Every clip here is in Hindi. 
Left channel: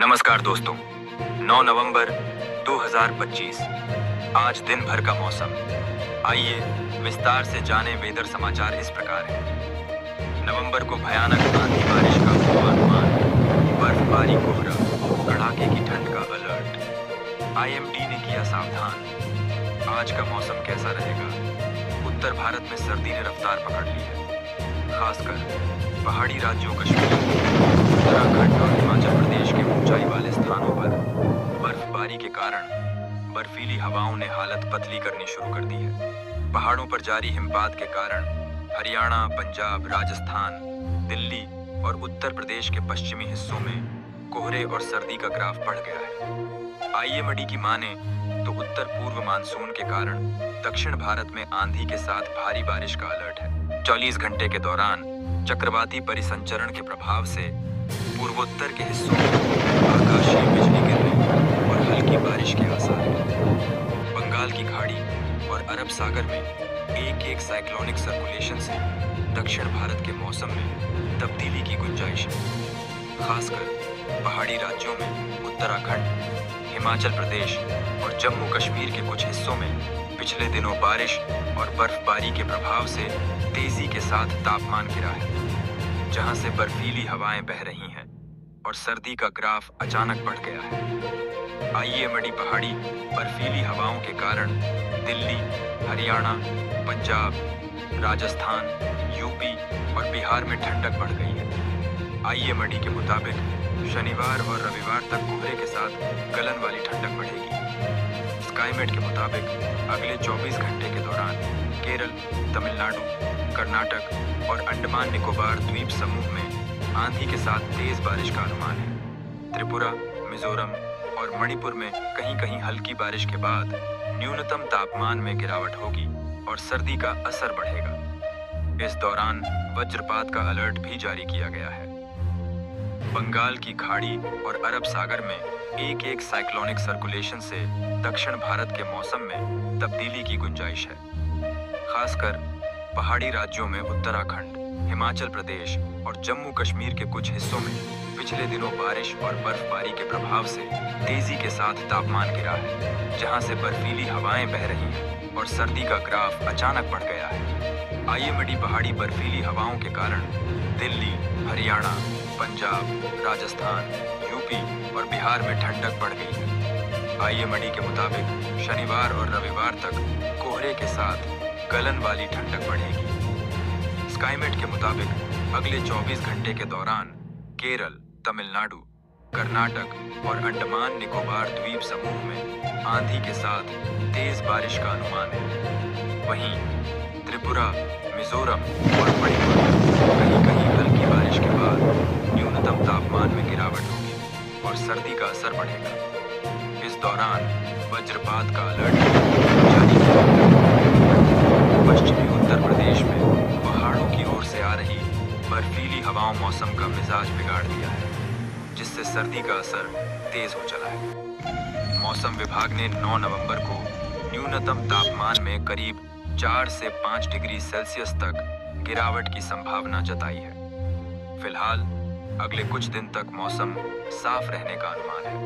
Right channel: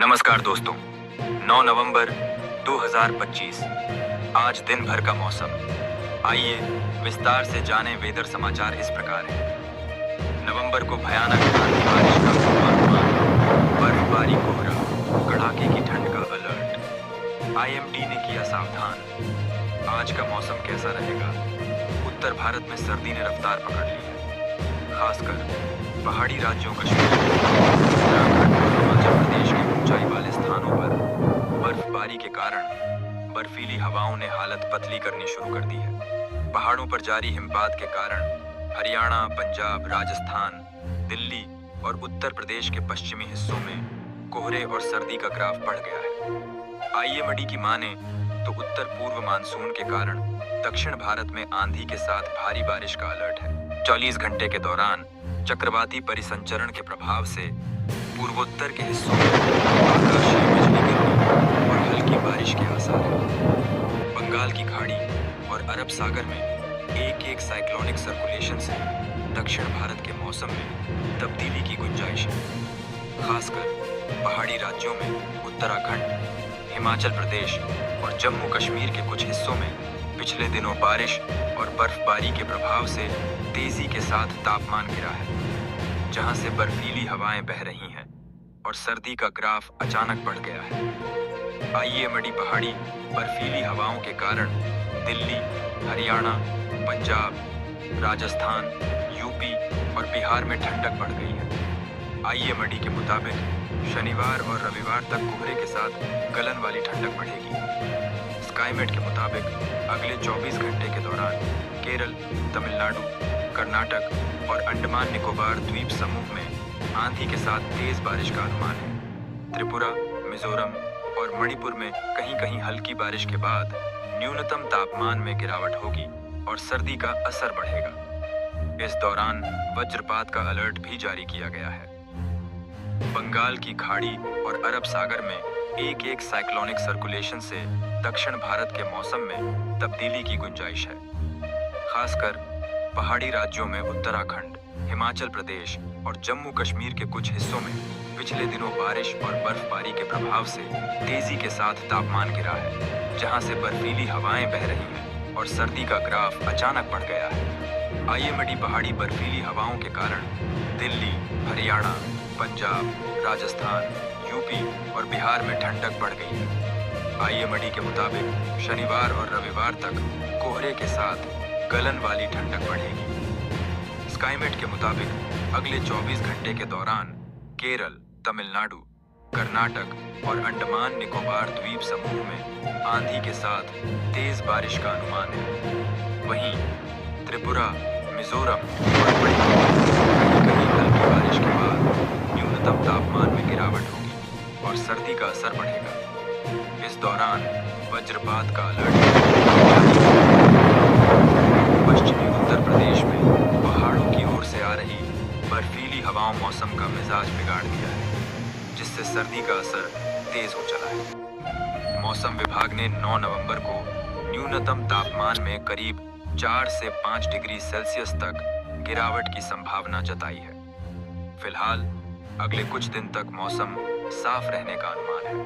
नमस्कार दोस्तों, 9 नवंबर 2025 आज दिन भर का मौसम। आइए विस्तार से जाने वेदर समाचार इस प्रकार हैं। नवंबर को भयानक आंधी बारिश का पूर्वानुमान, बर्फबारी, कोहरा, कड़ाके की ठंड का अलर्ट। आईएमडी ने किया सावधान। आज का मौसम कैसा रहेगा? उत्तर भारत में सर्दी ने रफ्तार पकड़ ली है, खासकर पहाड़ी राज्यों कश्मीर, उत्तराखंड और हिमाचल प्रदेश के ऊंचाई वाले स्थानों पर बर्फबारी के कारण बर्फीली हवाओं ने हालत पतली करनी शुरू कर दी है। पहाड़ों पर जारी हिमपात के कारण हरियाणा, पंजाब, राजस्थान, दिल्ली और उत्तर प्रदेश के पश्चिमी हिस्सों में कोहरे और सर्दी का ग्राफ बढ़ गया है। आईएमडी की माने तो उत्तर पूर्व मानसून के कारण दक्षिण भारत में आंधी के साथ भारी बारिश का अलर्ट है। 40 घंटे के दौरान चक्रवाती परिसंचरण के प्रभाव से पूर्वोत्तर के हिस्सों में आकाशीय बिजली गिरने और हल्की बारिश के आसार हैं। बंगाल की खाड़ी और अरब सागर में एक साइक्लोनिक सर्कुलेशन से दक्षिण भारत के मौसम में तब्दीली की गुंजाइश है, खासकर पहाड़ी राज्यों में उत्तराखंड, हिमाचल प्रदेश और जम्मू कश्मीर के कुछ हिस्सों में पिछले दिनों बारिश और बर्फबारी के प्रभाव से तेजी के साथ तापमान गिरा है, जहां से बर्फीली हवाएं बह रही हैं और सर्दी का ग्राफ अचानक बढ़ गया है। आईएमडी पहाड़ी बर्फीली हवाओं के कारण दिल्ली, हरियाणा, पंजाब, राजस्थान, यूपी और बिहार में ठंडक बढ़ गई है। आईएमडी के मुताबिक शनिवार और रविवार तक कोहरे के साथ गलन वाली ठंडक बढ़ेगी। स्काईमेट के मुताबिक अगले 24 घंटे के दौरान केरल, तमिलनाडु, कर्नाटक और अंडमान निकोबार द्वीप समूह में आंधी के साथ तेज बारिश का अनुमान है। त्रिपुरा, मिजोरम और मणिपुर में कहीं-कहीं हल्की बारिश के बाद न्यूनतम तापमान में गिरावट होगी और सर्दी का असर बढ़ेगा। इस दौरान वज्रपात का अलर्ट भी जारी किया गया है। बंगाल की खाड़ी और अरब सागर में एक साइक्लोनिक सर्कुलेशन से दक्षिण भारत के मौसम में तब्दीली की गुंजाइश है, खासकर पहाड़ी राज्यों में उत्तराखंड, हिमाचल प्रदेश और जम्मू कश्मीर के कुछ हिस्सों में पिछले दिनों बारिश और बर्फबारी के प्रभाव से तेजी के साथ तापमान गिरा है, जहां से बर्फीली हवाएं बह रही हैं और सर्दी का ग्राफ अचानक बढ़ गया है। आईएमडी पहाड़ी बर्फीली हवाओं के कारण दिल्ली, हरियाणा, पंजाब, राजस्थान, यूपी और बिहार में ठंडक बढ़ गई है। आईएमडी के मुताबिक शनिवार और रविवार तक कोहरे के साथ गलन वाली ठंडक बढ़ेगी। स्काईमेट के मुताबिक अगले 24 घंटे के दौरान केरल, तमिलनाडु, कर्नाटक और अंडमान निकोबार द्वीप समूह में आंधी के साथ तेज बारिश का अनुमान है। वहीं त्रिपुरा, मिजोरम और मणिपुर में कहीं-कहीं हल्की बारिश के बाद न्यूनतम तापमान में गिरावट होगी और सर्दी का असर बढ़ेगा। इस दौरान वज्रपात का अलर्ट जारी किया गया है। पश्चिमी उत्तर प्रदेश में पहाड़ों की ओर से आ रही बर्फीली हवाओं मौसम का मिजाज बिगाड़ दिया है, जिससे सर्दी का असर तेज हो चला है। मौसम विभाग ने 9 नवंबर को न्यूनतम तापमान में करीब 4 से 5 डिग्री सेल्सियस तक गिरावट की संभावना जताई है। फिलहाल अगले कुछ दिन तक मौसम साफ रहने का अनुमान है।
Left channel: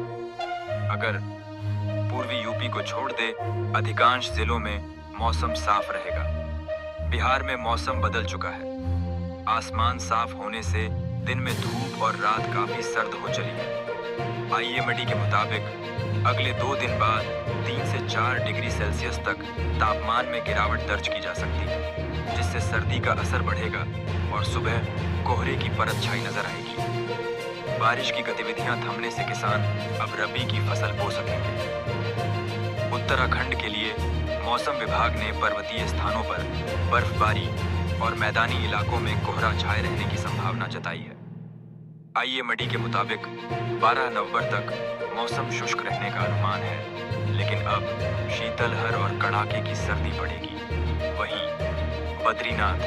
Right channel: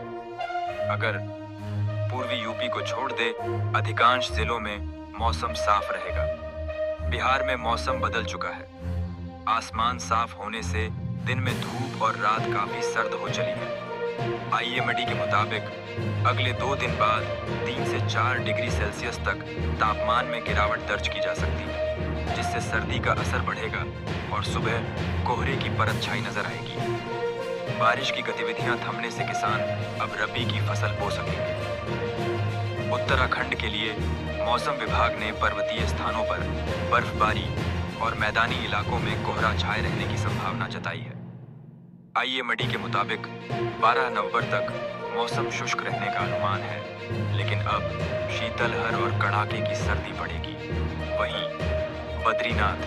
अगर पूर्वी यूपी को छोड़ दे, अधिकांश जिलों में मौसम साफ रहेगा। बिहार में मौसम बदल चुका है। आसमान साफ होने से दिन में धूप और रात काफी सर्द हो चली है। आईएमडी के मुताबिक अगले 2 दिन बाद 3 से 4 डिग्री सेल्सियस तक तापमान में गिरावट दर्ज की जा सकती है, जिससे सर्दी का असर बढ़ेगा और सुबह कोहरे की परत छाई नजर आएगी। बारिश की गतिविधियां थमने से किसान अब रबी की फसल बो सकेंगे। उत्तराखंड के लिए मौसम विभाग ने पर्वतीय स्थानों पर बर्फबारी और मैदानी इलाकों में कोहरा छाए रहने की संभावना जताई है। आईएमडी के मुताबिक 12 नवंबर तक मौसम शुष्क रहने का अनुमान है, लेकिन अब शीतलहर और कड़ाके की सर्दी पड़ेगी। वहीं बद्रीनाथ,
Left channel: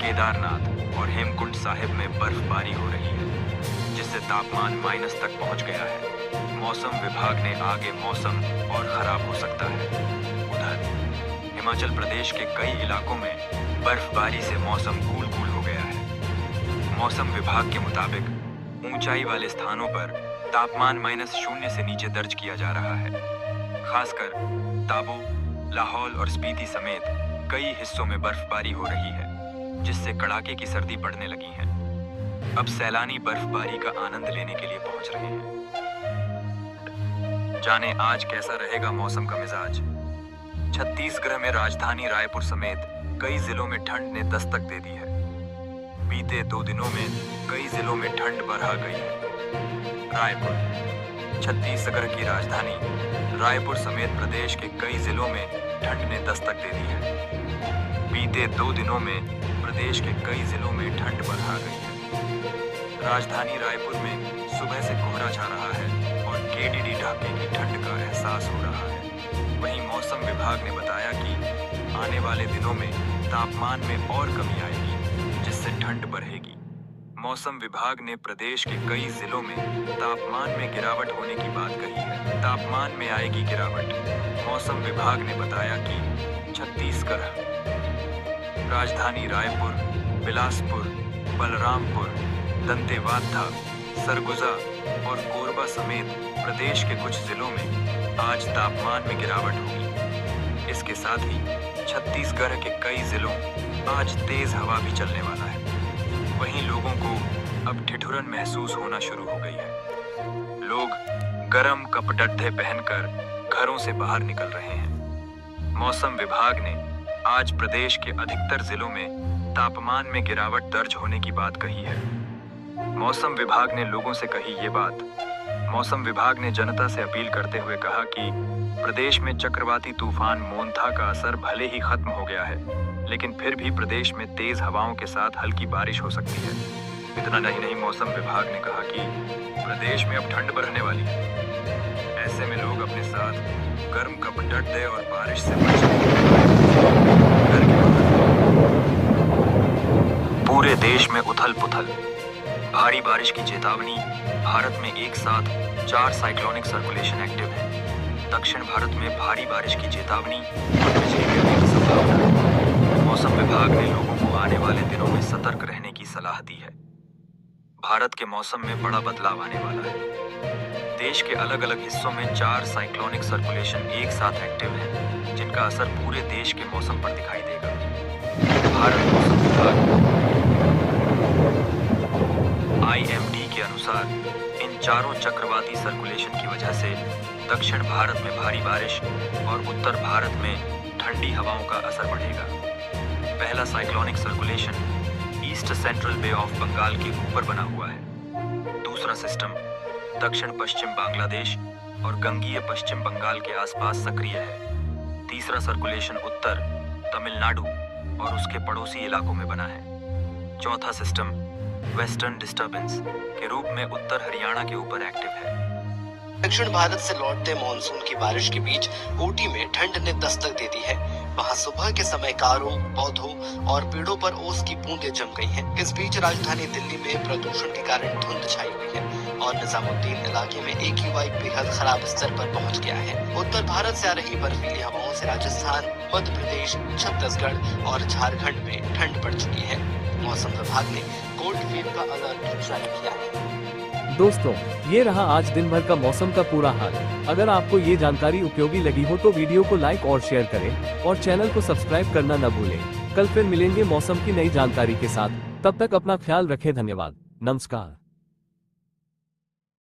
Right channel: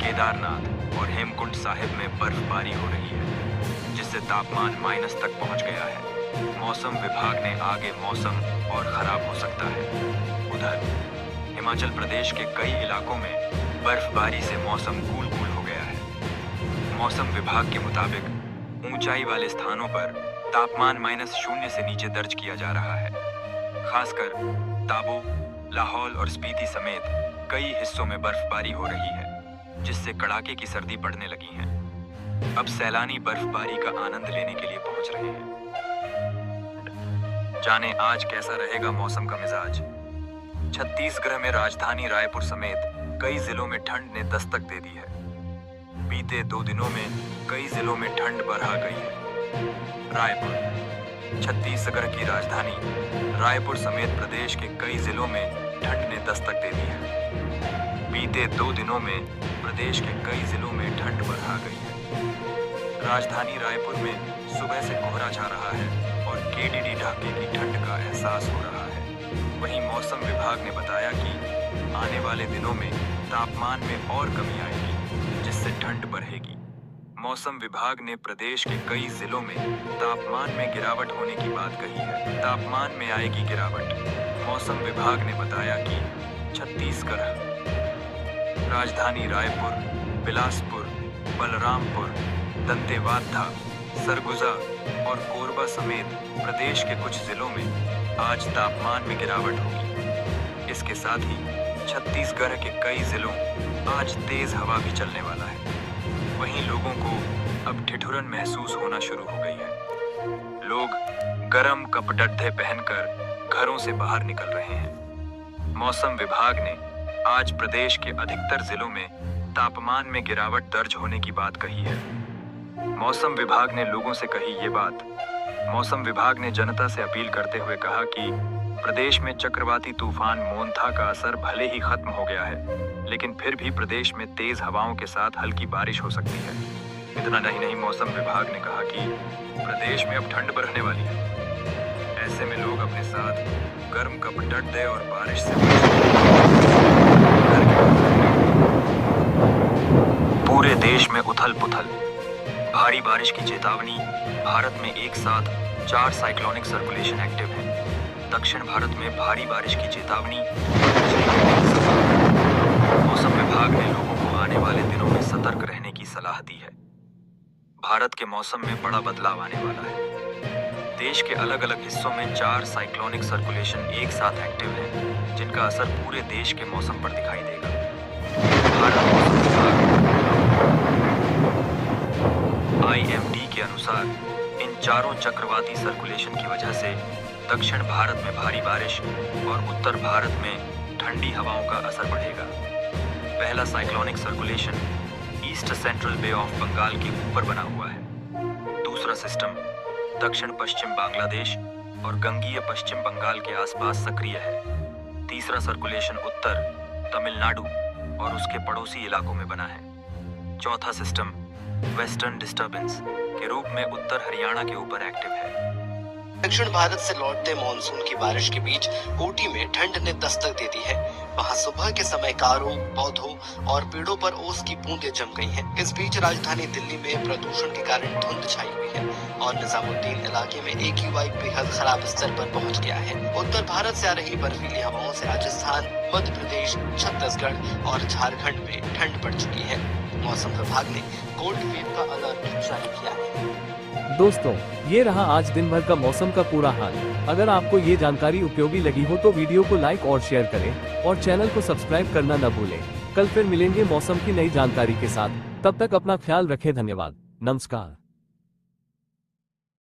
केदारनाथ और हेमकुंड साहिब में बर्फबारी हो रही है, जिससे तापमान माइनस तक पहुंच गया है। मौसम विभाग ने आगे मौसम और खराब हो सकता है। उधर हिमाचल प्रदेश के कई इलाकों में बर्फबारी से मौसम कूल हो गया है। मौसम विभाग के मुताबिक ऊंचाई वाले स्थानों पर तापमान -0 से नीचे दर्ज किया जा रहा है। खासकर ताबू, लाहौल और स्पीति समेत कई हिस्सों में बर्फबारी हो रही है, जिससे कड़ाके की सर्दी पड़ने लगी है। अब सैलानी बर्फबारी का आनंद लेने के लिए पहुंच रहे हैं। जाने आज कैसा रहेगा मौसम का मिजाज। छत्तीसगढ़ में राजधानी रायपुर समेत कई जिलों में ठंड ने दस्तक दे दी है। बीते 2 दिनों में कई जिलों में ठंड बढ़ा गई है। रायपुर, छत्तीसगढ़ की राजधानी रायपुर समेत प्रदेश के कई जिलों में ठंड ने दस्तक दे दी है। बीते 2 दिनों में प्रदेश के कई जिलों में ठंड बढ़ा गई है। राजधानी रायपुर में सुबह से कोहरा छा रहा है और केडीडी ढाके की ठंड का एहसास हो रहा है। वहीं मौसम विभाग ने बताया कि आने वाले दिनों में तापमान में और कमी आएगी, जिससे ठंड बढ़ेगी। मौसम विभाग ने प्रदेश के कई जिलों में तापमान में गिरावट होने की बात कही है। तापमान में आएगी गिरावट। मौसम विभाग ने बताया कि छत्तीसगढ़, राजधानी रायपुर, बिलासपुर, बलरामपुर, दंतेवाड़ा, सरगुजा और कोरबा समेत प्रदेश के कुछ जिलों में आज तापमान में गिरावट होगी। इसके साथ ही छत्तीसगढ़ के कई जिलों आज तेज हवा भी चलने वाला है। वहीं लोगों को अब ठिठुरन महसूस होना शुरू हो गई है। लोग गर्म कपड़े पहनकर घरों से बाहर निकल रहे हैं। मौसम विभाग ने आज प्रदेश के अधिकतर जिलों में तापमान में गिरावट दर्ज होने की बात कही है। मौसम विभाग ने लोगों से कही ये बात। मौसम विभाग ने जनता से अपील करते हुए कहा कि प्रदेश में चक्रवाती तूफान मोंथा का असर भले ही खत्म हो गया है, लेकिन फिर भी प्रदेश में तेज हवाओं के साथ हल्की बारिश हो सकती है। इतना नहीं, मौसम विभाग ने कहा कि प्रदेश में अब ठंड बढ़ने वाली है। ऐसे में लोग अपने साथ गर्म कपड़े और बारिश से बचने घर के बाहर निकलें। पूरे देश में उथल पुथल, भारी बारिश की चेतावनी। भारत में एक साथ 4 साइक्लोनिक सर्कुलेशन एक्टिव हैं। दक्षिण भारत में भारी बारिश की चेतावनी और बिजली गिरने की संभावना। मौसम विभाग ने लोगों को आने वाले दिनों में सतर्क रहने की सलाह दी है। भारत के मौसम में बड़ा बदलाव आने वाला है। देश के अलग अलग हिस्सों में 4 साइक्लोनिक सर्कुलेशन एक साथ एक्टिव हैं, जिनका असर पूरे देश के मौसम पर दिखाई देगा। भारत मौसम विभाग IMD के अनुसार इन चारों चक्रवाती सर्कुलेशन की वजह से दक्षिण भारत में भारी बारिश और उत्तर भारत में ठंडी हवाओं का असर बढ़ेगा। पहला cyclonic circulation east central bay of Bengal के ऊपर बना हुआ है। दूसरा सिस्टम दक्षिण पश्चिम बांग्लादेश और गंगीय पश्चिम बंगाल के आसपास सक्रिय है। तीसरा सर्कुलेशन उत्तर तमिलनाडु और उसके पड़ोसी इलाकों में बना है। चौथा सिस्टम वेस्टर्न डिस्टर्बेंस के रूप में उत्तर हरियाणा के ऊपर एक्टिव है। दक्षिण भारत से लौटते मानसून की बारिश के बीच ऊटी में ठंड ने दस्तक दे दी है। वहां सुबह के समय कारों, पौधों और पेड़ों पर ओस की बूंदें जम गई हैं। इस बीच राजधानी दिल्ली में प्रदूषण के कारण धुंध छाई हुई है और निजामुद्दीन इलाके में AQI बेहद खराब स्तर पर पहुंच गया है। उत्तर भारत से आ रही बर्फीली हवाओं से राजस्थान, मध्य प्रदेश, छत्तीसगढ़ और झारखंड में ठंड बढ़ चुकी है। मौसम विभाग ने कोल्ड वेव का अलर्ट जारी किया है। दोस्तों, ये रहा आज दिन भर का मौसम का पूरा हाल। अगर आपको ये जानकारी उपयोगी लगी हो तो वीडियो को लाइक और शेयर करें और चैनल को सब्सक्राइब करना न भूलें। कल फिर मिलेंगे मौसम की नई जानकारी के साथ। तब तक अपना ख्याल रखें। धन्यवाद। नमस्कार।